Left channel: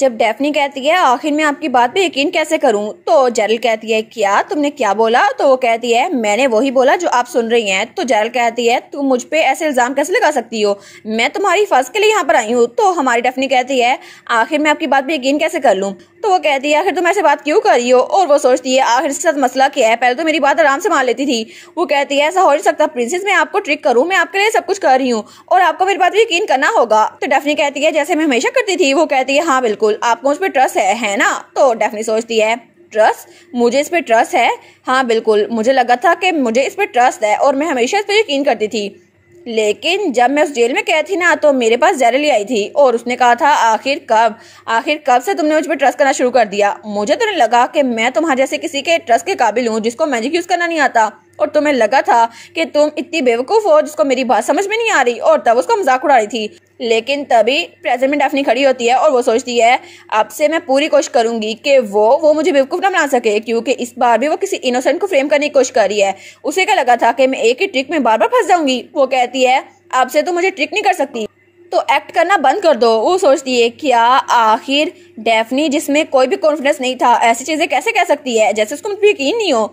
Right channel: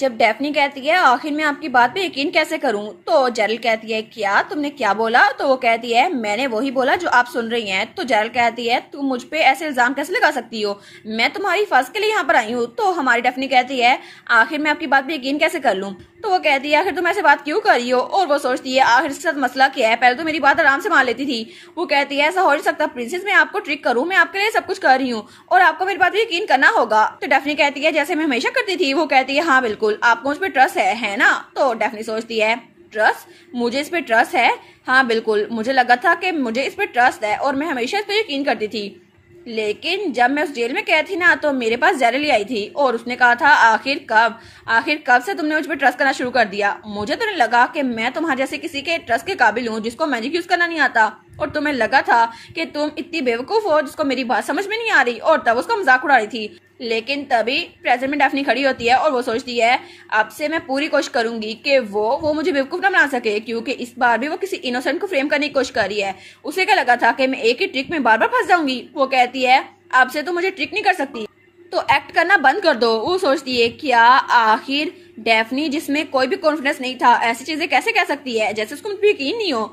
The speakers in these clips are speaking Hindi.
जब डेफनी कहती है आखिर मैं आपकी बात पे यकीन कैसे करूं, तो जेरल कहती है क्या तुमने क्या बोला? तो वो कहती है मैंने वही बोला जो आप सुन रही हैं। तो जेरल कहती है तुम मुझ पे ऐसे इल्जाम कैसे लगा सकती हो, मैं तुम्हारी फर्ज के लिए यहाँ पर आई हूँ। तो हमारी डेफनी कहती है आखिर मैं आपकी बात पे यकीन कैसे कर लूं? तो वो कहती है आखिर तुम ऐसे बात क्यों कर रही हो? और वो सोचती है आखिर इसके साथ मसला क्या है, पहले तो मेरी बात आराम से मान लेती थी। वो कहती है ऐसा हो नहीं सकता प्रिंसेस, मैं आपको ट्रिक करूं, मैं आपके लिए सब कुछ कर रही हूँ और आपको मेरी बात पे यकीन करना होगा। तो डेफनी कहती है जैसे मैं हमेशा करती थी। वो कहती है हाँ बिल्कुल, आपको मुझ पर ट्रस्ट है ना? तो डेफनी सोचती है ट्रस्ट, मुझे इस पे ट्रस्ट है? हाँ बिल्कुल, मुझे लगा था कि मुझे इस पे ट्रस्ट है और मैं हमेशा इस पे यकीन करती थी, लेकिन जब मैं उस जेल में कैद थी ना तो मेरे पास जेरल आई थी और उसने कहा था आखिर कब से तुमने मुझ पर ट्रस्ट करना शुरू कर दिया? मुझे तो नहीं लगा कि मैं तुम्हारे जैसे किसी के ट्रस्ट के काबिल हूँ जिसको मैजिक यूज करना नहीं आता, और तुम्हें लगा था कि तुम इतनी बेवकूफ हो जिसको मेरी बात समझ में नहीं आ रही, और तब उसका मजाक उड़ा रही थी। लेकिन तभी प्रेजेंट में डेफनी खड़ी होती है और वो सोचती है अब से मैं पूरी कोशिश करूंगी कि वो मुझे बेवकूफ ना बना सके, क्योंकि इस बार भी वो किसी इनोसेंट को फ्रेम करने की कोशिश कर रही है। उसे क्या लगा था कि मैं एक ही ट्रिक में बार बार फंस जाऊंगी। वो कहती है अब से तो मुझे ट्रिक नहीं कर सकती, तो एक्ट करना बंद कर दो। वो सोचती है क्या आखिर डेफनी जिसमें कोई भी कॉन्फिडेंस नहीं था ऐसी चीजें कैसे कह सकती है जैसे उसको मुझ पर यकीन नहीं हो।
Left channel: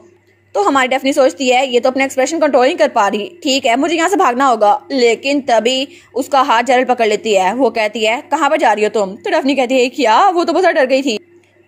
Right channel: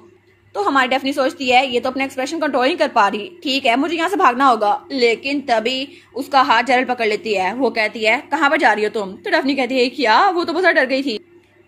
तो हमारी डेफनी सोचती है ये तो अपने एक्सप्रेशन कंट्रोल नहीं कर पा रही, ठीक है मुझे यहाँ से भागना होगा। लेकिन तभी उसका हाथ जेरल पकड़ लेती है। वो कहती है कहाँ पर जा रही हो तुम? तो डेफनी कहती है क्या? वो तो बहुत डर गई थी।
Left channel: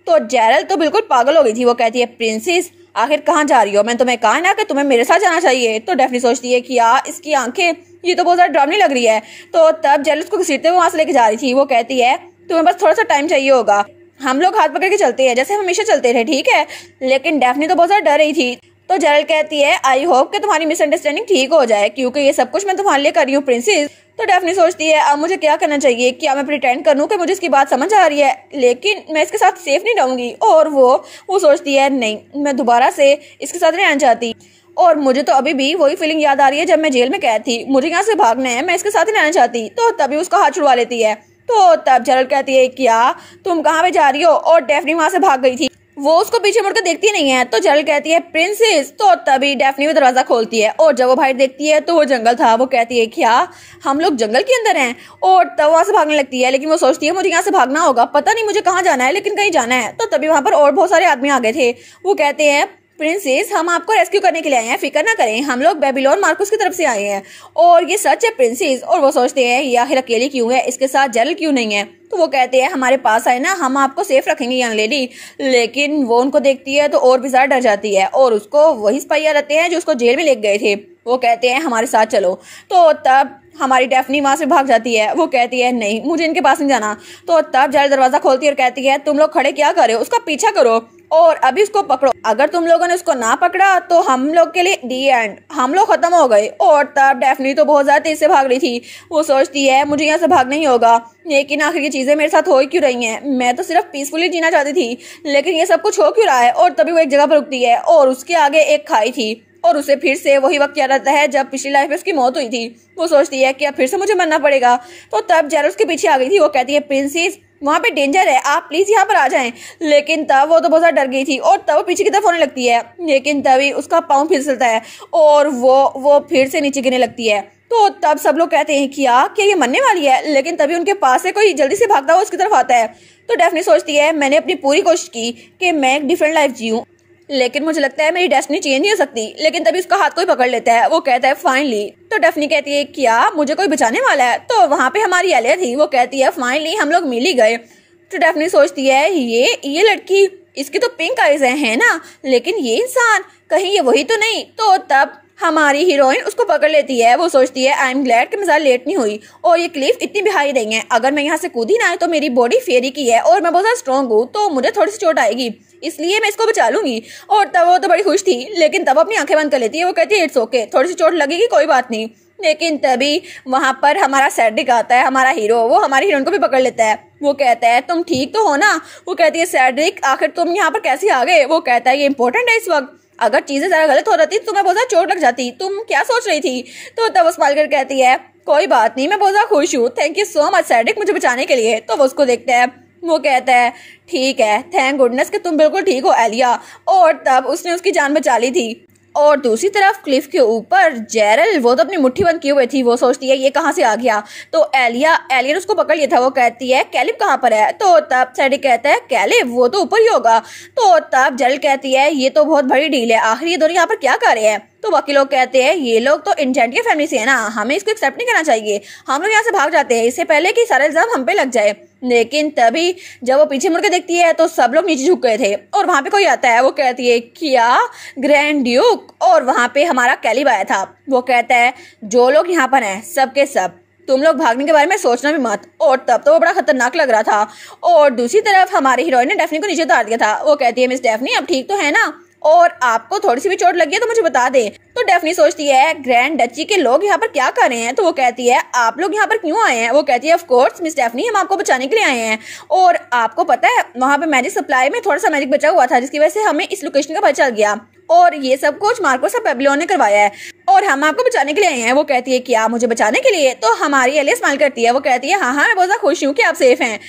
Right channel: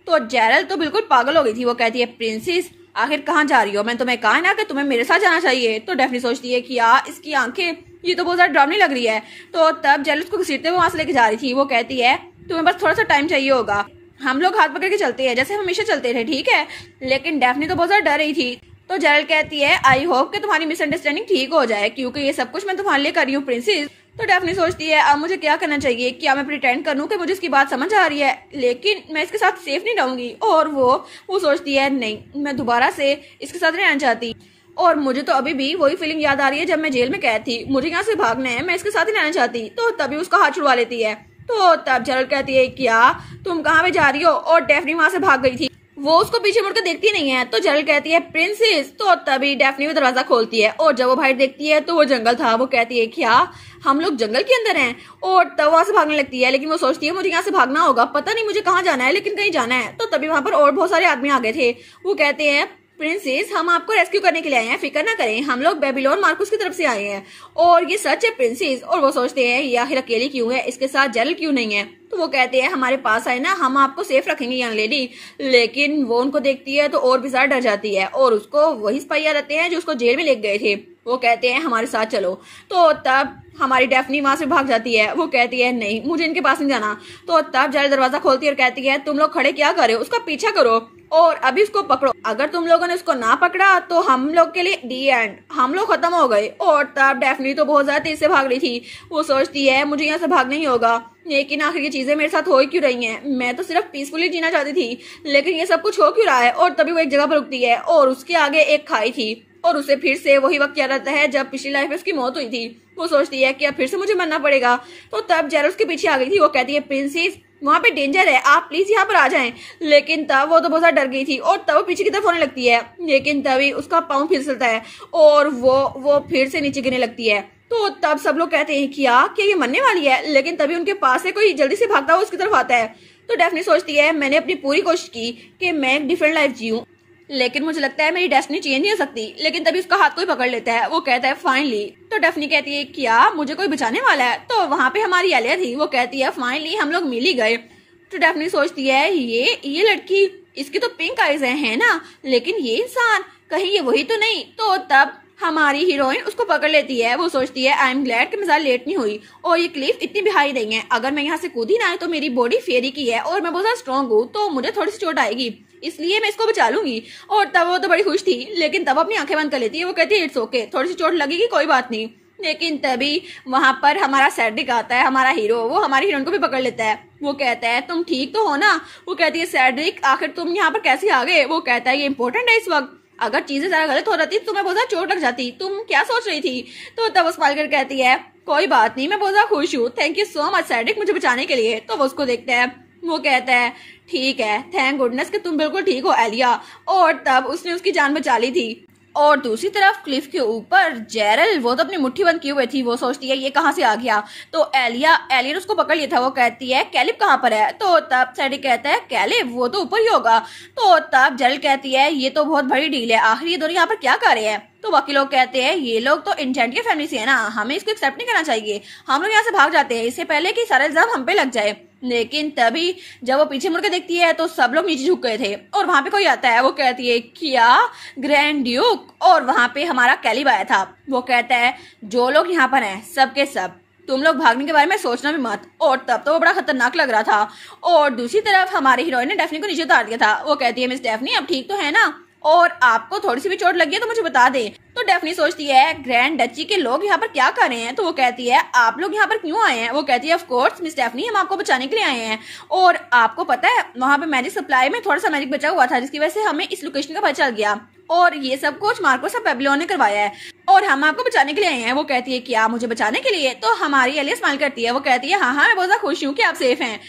तो जेरल तो बिल्कुल पागल हो गई थी। वो कहती है प्रिंसेस आखिर कहाँ जा रही हो? मैंने तुम्हें कहा ना कि तुम्हें मेरे साथ जाना चाहिए। तो डेफनी सोचती है क्या इसकी आंखें ये तो बहुत ज्यादा डरावनी लग रही है। तो तब जेरल उसको घसीटते हुए वहां से लेके जा रही थी। वो कहती है तुम्हें बस थोड़ा सा टाइम चाहिए होगा, हम लोग हाथ पकड़ के चलते हैं जैसे हम हमेशा चलते थे, ठीक है? लेकिन डेफनी तो बहुत ज्यादा डर रही थी। तो जेरल कहती है आई होप कि तुम्हारी मिसअंडरस्टैंडिंग ठीक हो जाए, क्योंकि ये सब कुछ मैं तुम्हारे लिए कर रही हूँ प्रिंसेस। तो डेफनी सोचती है अब मुझे क्या करना चाहिए, क्या मैं प्रिटेंड करूँ कि मुझे इसकी बात समझ आ रही है, लेकिन मैं इसके साथ सेफ नहीं रहूंगी। और वो सोचती है नहीं, मैं दोबारा से इसके साथ नहीं रहना चाहती, और मुझे तो अभी भी वही फीलिंग याद आ रही है जब मैं जेल में कैद थी, मुझे यहाँ से भागना है, मैं इसके साथ ही रहना चाहती। तो तभी उसका हाथ छुड़वा लेती है। तो तब जेरल कहती है क्या तुम कहाँ पे जा रही हो? और डेफनी वहां से भाग गई थी। वो उसको पीछे मुड़कर देखती नहीं है। तो जेरल कहती है प्रिंसेस। तो तभी डेफनी भी दरवाजा खोलती है और जब वो बाहर देखती है तो वो जंगल था। वो कहती है क्या हम लोग जंगल के अंदर हैं? और तब वहां से भागने लगती है, लेकिन वो सोचती है मुझे यहाँ से भागना होगा, पता नहीं मुझे कहाँ जाना है लेकिन कहीं जाना है। तो तभी वहां पर और बहुत सारे आदमी आ गए थे। वो कहते हैं प्रिंसेस हम आपको रेस्क्यू करने के लिए आए हैं, फिक्र ना करें, हम लोग बेबीलोन मार्कुस की तरफ से आए हैं और ये सच है प्रिंसेस। और वो सोचते हैं ये आखिर अकेली क्यों है, इसके साथ जेरल क्यों नहीं है? तो वो कहते हैं हमारे पास आए ना, हम आपको सेफ रखेंगे यंग लेडी। लेकिन वो उनको देखती है तो और भी ज्यादा डर जाती है और उसको वही सिपाही याद आते हैं जो उसको जेल में ले गए थे। वो कहते हैं हमारे साथ चलो। तो तब हमारी डेफनी वहां से भाग जाती है। वो कहती है नहीं मुझे इनके पास नहीं जाना। तो तब जेरल दरवाजा खोलती है और कहती है तुम लोग खड़े क्या कर रहे हो, उसका पीछा करो और अभी उसको पकड़ो, अगर तुम लोगों ने उसको ना पकड़ा तो हम लोग के लिए डी एंड, हम लोग खत्म हो गए। और तब डेफनी तो बहुत ज्यादा तेज से भाग रही थी। वो सोचती है मुझे यहाँ से भागना ही होगा, लेकिन आखिर ये चीजें मेरे साथ हो क्यों रही हैं? मैं तो सिर्फ पीसफुली जीना चाहती थी, लेकिन ये सब कुछ हो क्यों रहा है? और तभी वो एक जगह पर रुकती है और उसके आगे एक खाई थी और उसे फिर से वही वक्त याद आता है जब पिछली लाइफ में उसकी मौत हुई थी। वो सोचती है कि अब फिर से मुझे मरना पड़ेगा। तो तब जेरल उसके पीछे आ गई थी। वो कहती है प्रिंसेस वहां पे डेंजर है, आप प्लीज यहाँ पर आ जाएं। लेकिन तब वो तो बहुत ज्यादा डर गई थी और तब वो पीछे की तरफ होने लगती है, लेकिन तभी उसका पाँव फिसलता है और वो फिर से नीचे गिरने लगती है। तो तब सब लोग कहते हैं क्या ये मरने वाली है? लेकिन तभी उनके पास से कोई जल्दी से भागता हुआ उसकी तरफ आता है। तो डेफनी सोचती है मैंने अपनी पूरी कोशिश की कि मैं एक डिफरेंट लाइफ जीऊं, लेकिन मुझे लगता है मेरी डेस्टिनी चेंज नहीं हो सकती। लेकिन तभी उसका हाथ कोई पकड़ लेता है। वो कहता है फाइनली। तो डेफनी कहती है क्या मुझे कोई बचाने वाला है? तो वहां पे हमारी एलिया थी। वो कहती है फाइनली हम लोग मिल ही गए। तो डेफनी सोचती है ये लड़की, इसकी तो पिंक आईज है ना, लेकिन ये इंसान कहीं ये वही तो नहीं? तो तब हमारी हीरोइन उसको पकड़ लेती है। वो सोचती है आई एम ग्लैड कि मैं ज्यादा लेट नहीं हुई और ये क्लिफ इतनी भी हाई नहीं है, अगर मैं यहाँ से कूदी ना तो मेरी बॉडी फेरी की है और मैं बहुत ज्यादा स्ट्रॉन्ग हूँ, तो मुझे थोड़ी सी चोट आएगी, इसलिए मैं इसको बचा लूंगी। और तब वो तो बड़ी खुश थी, लेकिन तब अपनी आंखें बंद कर लेती है। वो कहती है इट्स ओके, थोड़ी सी चोट लगेगी कोई बात नहीं। लेकिन तभी वहां पर हमारा सैड्रिक आता है, हमारा हीरो। वो हमारी हीरोइन को भी पकड़ लेता है। वो कहता है तुम ठीक तो हो ना? वो कहती है सैड्रिक आखिर तुम यहाँ पर कैसे आ गए? वो कहता है ये इंपॉर्टेंट है इस वक्त, अगर चीजें जरा गलत हो जाती तो तुम्हें बहुत ज्यादा चोट लग जाती, तुम क्या सोच रही थी? तो तब वो स्माइल कर कहती है कोई बात नहीं, मैं बहुत ज्यादा खुश हूँ, thank you so much Cedric मुझे बचाने के लिए। तो वो उसको देखता है। वो कहता है ठीक है, थैंक गुडनेस कि तुम बिल्कुल ठीक हो एलिया। और तब उसने उसकी जान बचा ली थी। और दूसरी तरफ क्लिफ के ऊपर जेरल, वो तो अपनी मुट्ठी बंद किए हुए थी, वो सोचती है ये कहाँ से आ गया। तो एलिया ने उसको पकड़ लिया था, वो कहती है कैलिब कहाँ पर है। तो तब सैडिक कहता है कैलिब वो तो ऊपर ही होगा। तो तब जेरल कहती है ये तो बहुत बड़ी डील है, आखिर ये दोनों यहाँ पर क्या कर रहे हैं। तो बाकी लोग कहते हैं ये लोग तो इंजेंटियर फैमिली से है ना, हमें इसको एक्सेप्ट नहीं करना चाहिए, हम लोग यहाँ से भाग जाते हैं इससे पहले कि सारा इल्जाम हम पे लग जाए। लेकिन तभी जब वो पीछे मुड़ के देखती है तो सब लोग नीचे झुक गए थे और वहां पे कोई आता है। वो कहती है क्या, ग्रैंड ड्यूक। और वहां पे हमारा कैलिब आया था। वो कहता है जो लोग यहाँ पर हैं सबके सब तुम लोग भागने के बारे में सोचना भी मत। और तब तो वो बड़ा खतरनाक लग रहा था। और दूसरी तरफ हमारी हीरोइन ने डेफनी को नीचे उतार दिया था। वो कहती है मिस डेफनी अब ठीक तो है ना, और आपको थोड़ी सी भी चोट लगी है तो मुझे बता दे। तो डेफनी सोचती है ग्रैंड डची के लोग यहाँ पर क्या कर रहे हैं। तो वो कहती है आप लोग यहाँ पर क्यों आए हैं। वो कहती है ऑफ कोर्स मिस डेफनी हम आपको बचाने के लिए आए हैं, और आपको पता है वहाँ पे मैजिक सप्लाई में थोड़ा सा मैजिक बचा हुआ था जिसकी वजह से हमें इस लोकेशन का पता चल गया, और ये सब कुछ मार्कोस और बेबीलोन ने करवाया है और हम आपको बचाने के लिए आए हैं। वो कहती है क्या मुझे बचाने के लिए। तो हमारी एलिया स्माइल करती है। वो कहती है हाँ मैं बहुत ज्यादा खुश हूँ कि आप सेफ हैं।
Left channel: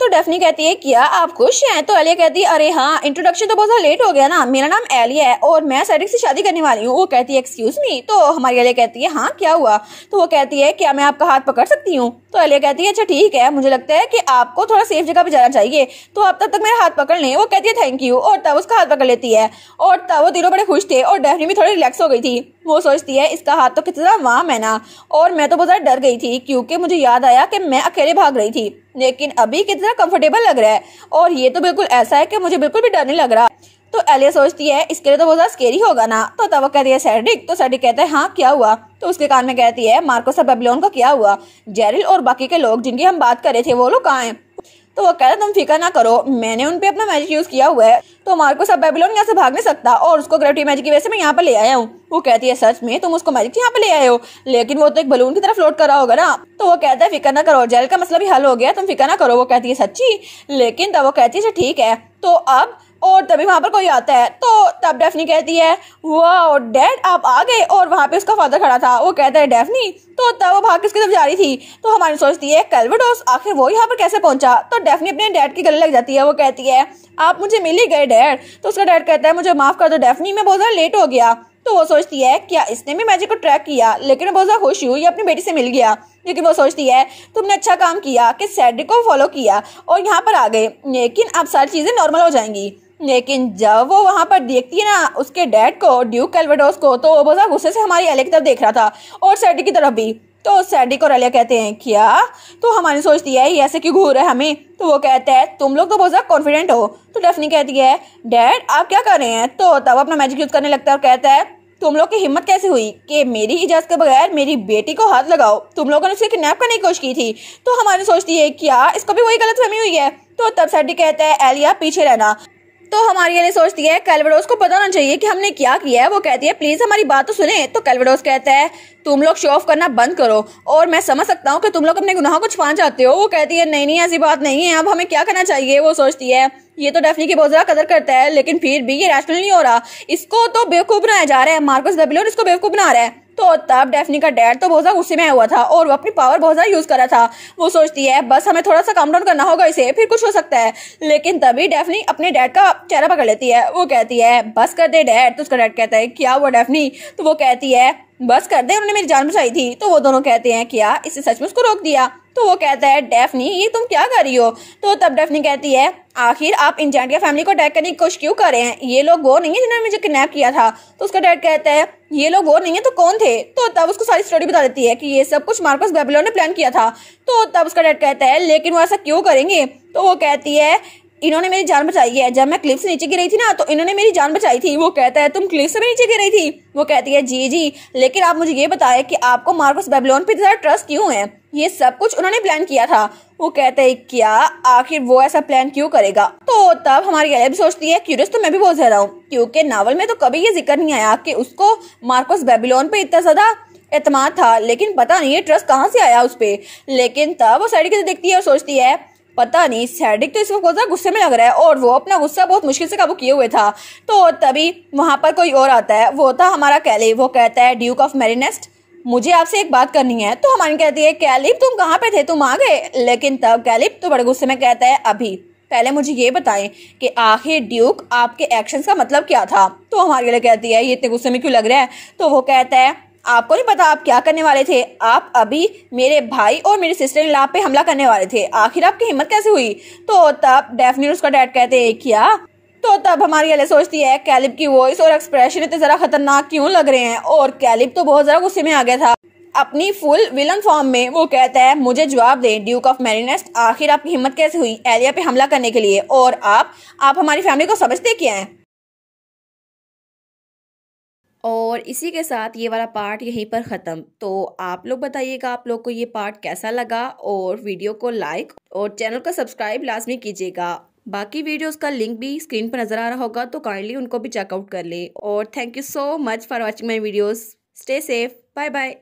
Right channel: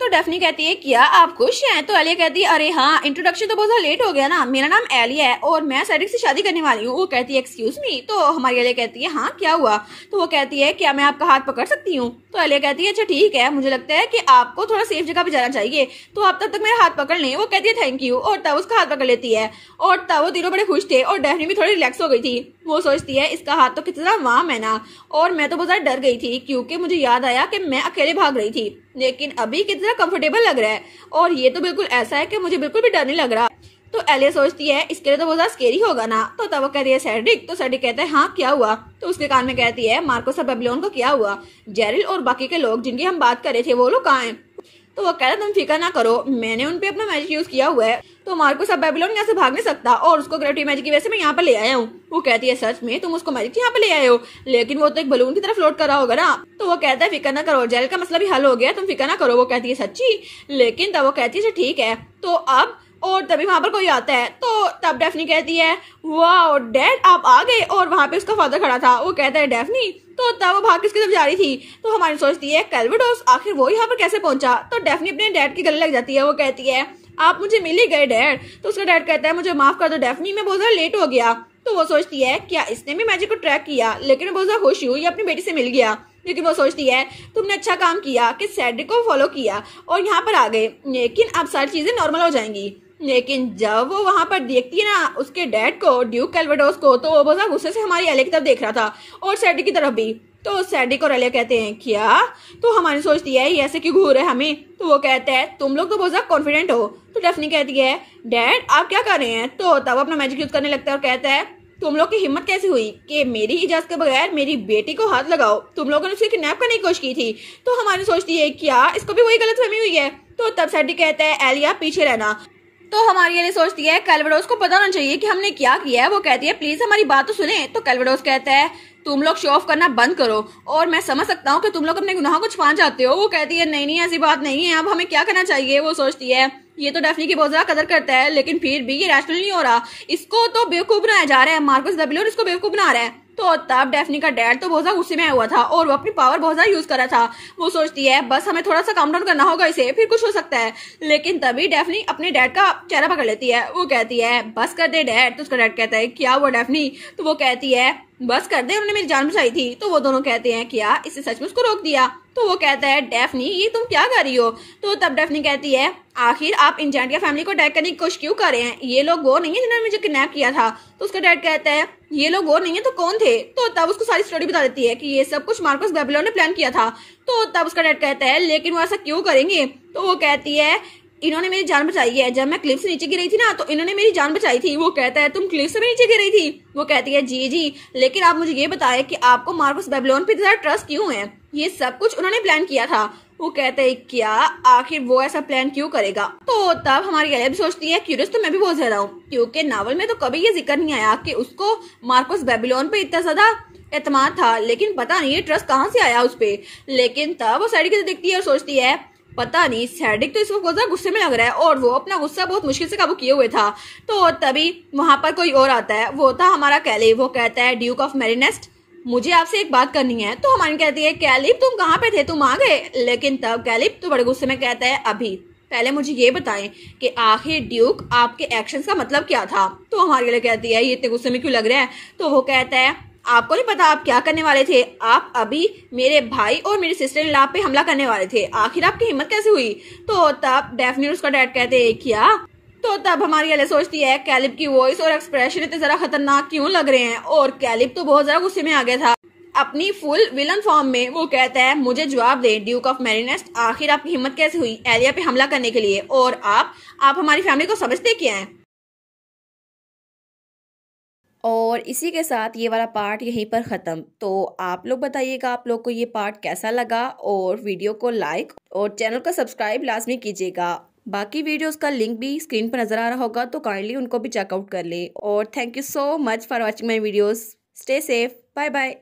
तो डेफनी कहती है क्या आप खुश हैं। तो एलिया कहती है अरे हाँ इंट्रोडक्शन तो बहुत ज्यादा लेट हो गया ना, मेरा नाम एलिया है और मैं सैडिक से शादी करने वाली हूँ। वो कहती है एक्सक्यूज मी। तो हमारी एलिया कहती है हाँ क्या हुआ। तो वो कहती है क्या मैं आपका हाथ पकड़ सकती हूँ। तो एलिया कहती है अच्छा ठीक है, मुझे लगता है कि आपको थोड़ा सेफ जगह पे जाना चाहिए, तो आप तब तक मेरा हाथ पकड़ लें। वो कहती है थैंक यू, और तब उसका हाथ पकड़ लेती है और तब वो तीनों बड़े खुश थे और डेफनी भी थोड़ी रिलैक्स हो गई थी। वो सोचती है इसका हाथ तो कितना वार्म है ना, और मैं तो बहुत ज्यादा डर गई थी क्योंकि मुझे याद आया कि मैं अकेले भाग रही थी, लेकिन अभी कितना कंफर्टेबल लग रहा है और ये तो बिल्कुल ऐसा है कि मुझे बिल्कुल भी डर नहीं लग रहा। तो एलिया सोचती है इसके लिए तो बहुत ज्यादा स्केरी होगा ना। तो तब वो कहती है सैडिक। तो सैडिक कहता है हाँ क्या हुआ। तो उसके कान में कहती है मार्कोस और बेबीलोन को क्या हुआ, जेरिल और बाकी के लोग जिनकी हम बात कर रहे थे वो लोग कहाँ हैं। तो वो कहता है तुम फिक्र ना करो, मैंने उनपे अपना मैजिक यूज किया हुआ है, तो मार्कोस अब बेबीलोन यहाँ से भाग नहीं सकता और उसको ग्रेविटी मैजिक की वजह से मैं यहाँ पे ले आया हूँ। वो कहती है सच में तुम उसको मैजिक यहाँ पे ले आए हो, लेकिन वो तो एक बलून की तरफ फ्लोट कर रहा होगा ना। तो वो कहता है फिक्र ना करो, जेल का मसला भी हल हो गया, तुम फिक्र ना करो। वो कहती है सच्ची, लेकिन तब वो कहती है ठीक है तो अब, और तभी वहां पर कोई आता है। तो तब डेफनी कहती है वाह डैड आप आ गए, और वहां पे उसका फादर खड़ा था। वो कहता है डेफनी। तो तब वो भाग किसकी तरफ जा रही थी। तो हमारी सोचती है कैल्वेडोस, आखिर वो यहाँ पर कैसे पहुंचा। तो डेफनी अपने डैड के गले लग जाती है। वो कहती है आप मुझे मिल ही गए डैड। तो उसका डैड कहता है मुझे माफ कर दो डेफनी, मैं बहुत ज्यादा लेट हो गया। तो वो सोचती है क्या इसने भी मैजिक को ट्रैक किया, लेकिन मैं बहुत ज्यादा खुश हूँ ये अपनी बेटी से मिल गया। लेकिन वो सोचती है तुमने अच्छा काम किया कि सैडिक को फॉलो किया और यहाँ पर आ गए, लेकिन अब सारी चीजें नॉर्मल हो जाएंगी। लेकिन जब वो वहां पर देखती है ना उसके डैड को, ड्यूक कैल्वेडोस को, तो वो बहुत गुस्से से हमारी एलिया की तरफ देख रहा था और सैडिक की तरफ भी। तो सैडिक और एलिया कहते हैं क्या। तो हमारी सोचती है ये ऐसे क्यों घूर है हमें। तो वो कहता है तुम लोग तो बहुत ज्यादा कॉन्फिडेंट हो। तो डेफनी कहती है डैड आप क्या कर रहे हैं। तो तब अपना मैजिक यूज करने लगता है और कहता है तुम लोग की हिम्मत कैसे हुई कि मेरी इजाजत के बगैर मेरी बेटी को हाथ लगाओ, तुम लोगों ने उसे किडनैप करने की कोशिश की थी। तो हमारी सोचती है क्या इसको भी वही गलतफहमी हुई है। तो तब सैडिक कहता है एलिया पीछे रहना। तो हमारी एलिया सोचती है कैल्वेडोस को पता होना चाहिए कि हमने क्या किया है। वो कहती है प्लीज हमारी बात तो सुने। तो कैल्वेडोस कहता है तुम लोग शो ऑफ करना बंद करो, और मैं समझ सकता हूँ कि तुम लोग अपने गुनाहों को छुपाना चाहते हो। वो कहती है नहीं नहीं ऐसी बात नहीं है, अब हमें क्या करना चाहिए। वो सोचती है ये तो डेफनी की बहुत ज्यादा कदर करता है, लेकिन फिर भी ये रैशनल नहीं हो रहा, इसको तो बेवकूफ बनाया जा रहा है, मार्कस बेबीलोन इसको बेवकूफ बना रहा है। तो तब डेफनी का डैड तो बहुत ज्यादा गुस्से में हुआ था और वो अपनी पावर बहुत ज्यादा यूज कर रहा था। वो सोचती है बस हमें थोड़ा सा काम डाउन करना होगा इसे, फिर कुछ हो सकता है। लेकिन तभी डेफनी अपने डैड का चेहरा पकड़ लेती है। वो कहती है बस कर दे डैड। तो उसका डैड कहता है क्या हुआ डेफनी। तो वो कहती है बस कर दे, उन्होंने मेरी जान बचाई थी। तो वो दोनों कहते हैं क्या इससे सच में उसको रोक दिया। तो वो कहता है डेफनी ये तुम क्या कर रही हो। तो तब डेफनी कहती है आखिर आप इंजेंटियर फैमिली को अटैक करने की कोशिश क्यों कर रहे हैं, ये लोग वो नहीं है जिन्होंने मुझे किडनैप किया था। तो उसका डैड कहता है ये लोग वो नहीं है तो कौन थे। तो तब उसको सारी स्टोरी बता देती है कि ये सब कुछ मार्कोस बेबीलोन ने प्लान किया था। तो तब उसका डैड कहता है लेकिन वो ऐसा क्यों करेंगे। तो वो कहती है इन्होंने मेरी जान बचाई है, जब मैं क्लिफ से नीचे गिर रही थी ना तो इन्होंने मेरी जान बचाई थी। वो कहता है तुम क्लिफ से भी नीचे गिर रही थी। वो कहती है जी जी, लेकिन आप मुझे ये बताएं कि आपको मार्कोस बेबीलोन पे इतना ट्रस्ट क्यों है, ये सब कुछ उन्होंने प्लान किया था। वो कहता है क्या आखिर वो ऐसा प्लान क्यों करेगा। तो तब हमारी एलिया भी सोचती है क्यूरियस तो मैं भी बहुत ज्यादा हूँ, क्योंकि नावल में तो कभी ये जिक्र नहीं आया कि उसको मार्कोस बेबीलोन पे इतना ज्यादा एतमाद था, लेकिन पता नहीं ये ट्रस्ट कहाँ से आया उस पे। लेकिन तब वो सैडिक को देखती है और सोचती है पता नहीं सैडिक तो इसको बहुत गुस्से में लग रहा है और वो अपना गुस्सा बहुत मुश्किल से काबू किए हुए था। तो तभी वहां पर कोई और आता है, वो था हमारा कैलिब। वो कहता है ड्यूक ऑफ मैरीनेस्ट मुझे आपसे एक बात करनी है। तो हमारी कहती है कैलिब तुम कहाँ पे थे, तुम आ गए। लेकिन तब कैलिब तो बड़े गुस्से में कहता है अभी पहले मुझे ये बताएं कि आखिर ड्यूक आपके एक्शंस का मतलब क्या था। तो हमारी वाला कहती है ये इतने गुस्से में क्यों लग रहा है। तो वो कहता है आपको नहीं पता आप क्या करने वाले थे, आप अभी मेरे भाई और मेरी सिस्टर इन लॉ पे हमला करने वाले थे, आखिर आपकी हिम्मत कैसे हुई। तो तब डेफनी और उसका डैड कहते हैं क्या। तो तब हमारी अले सोचती है कैलिब की वॉइस और एक्सप्रेशन इतने जरा खतरनाक क्यों लग रहे हैं, और कैलिब तो बहुत ज्यादा गुस्से में आ गया था अपनी फुल विलन फॉर्म में। वो कहता है मुझे जवाब दें ड्यूक ऑफ मैरीनेस्ट, आखिर आपकी हिम्मत कैसे हुई एलिया पे हमला करने के लिए, और आप हमारी फैमिली को समझते क्या हैं। और इसी के साथ ये वाला पार्ट यहीं पर ख़त्म। तो आप लोग बताइएगा आप लोग को ये पार्ट कैसा लगा, और वीडियो को लाइक और चैनल को सब्सक्राइब लाजमी कीजिएगा। बाकी वीडियोस का लिंक भी स्क्रीन पर नज़र आ रहा होगा, तो काइंडली उनको भी चेकआउट कर ले। और thank you so much for watching my videos. Stay safe, bye bye.